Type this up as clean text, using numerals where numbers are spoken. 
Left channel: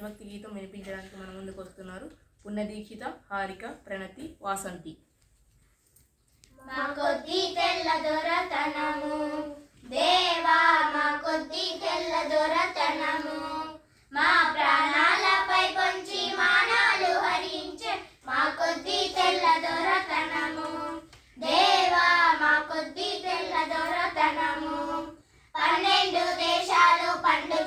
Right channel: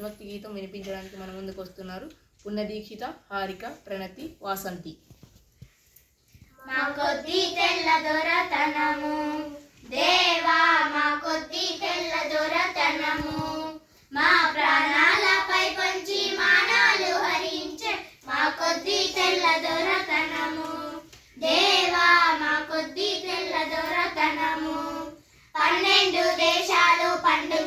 దేశభక్తి గీతం వినిపించడానికి మన ముందుకు వస్తున్నారు పుణ్యదీక్షిత, హారిక, ప్రణతి, వాసంతి. మా కొద్ది తెల్ల దొరతనము దేవా, మా కొద్ది తెల్ల దొరతనము, మా ప్రాణాలపై పొంచి మానాలు హరించే మా కొద్ది తెల్ల దొరతనము దేవా, మా కొద్ది తెల్ల దొరతనము. 12 దేశాలు పండు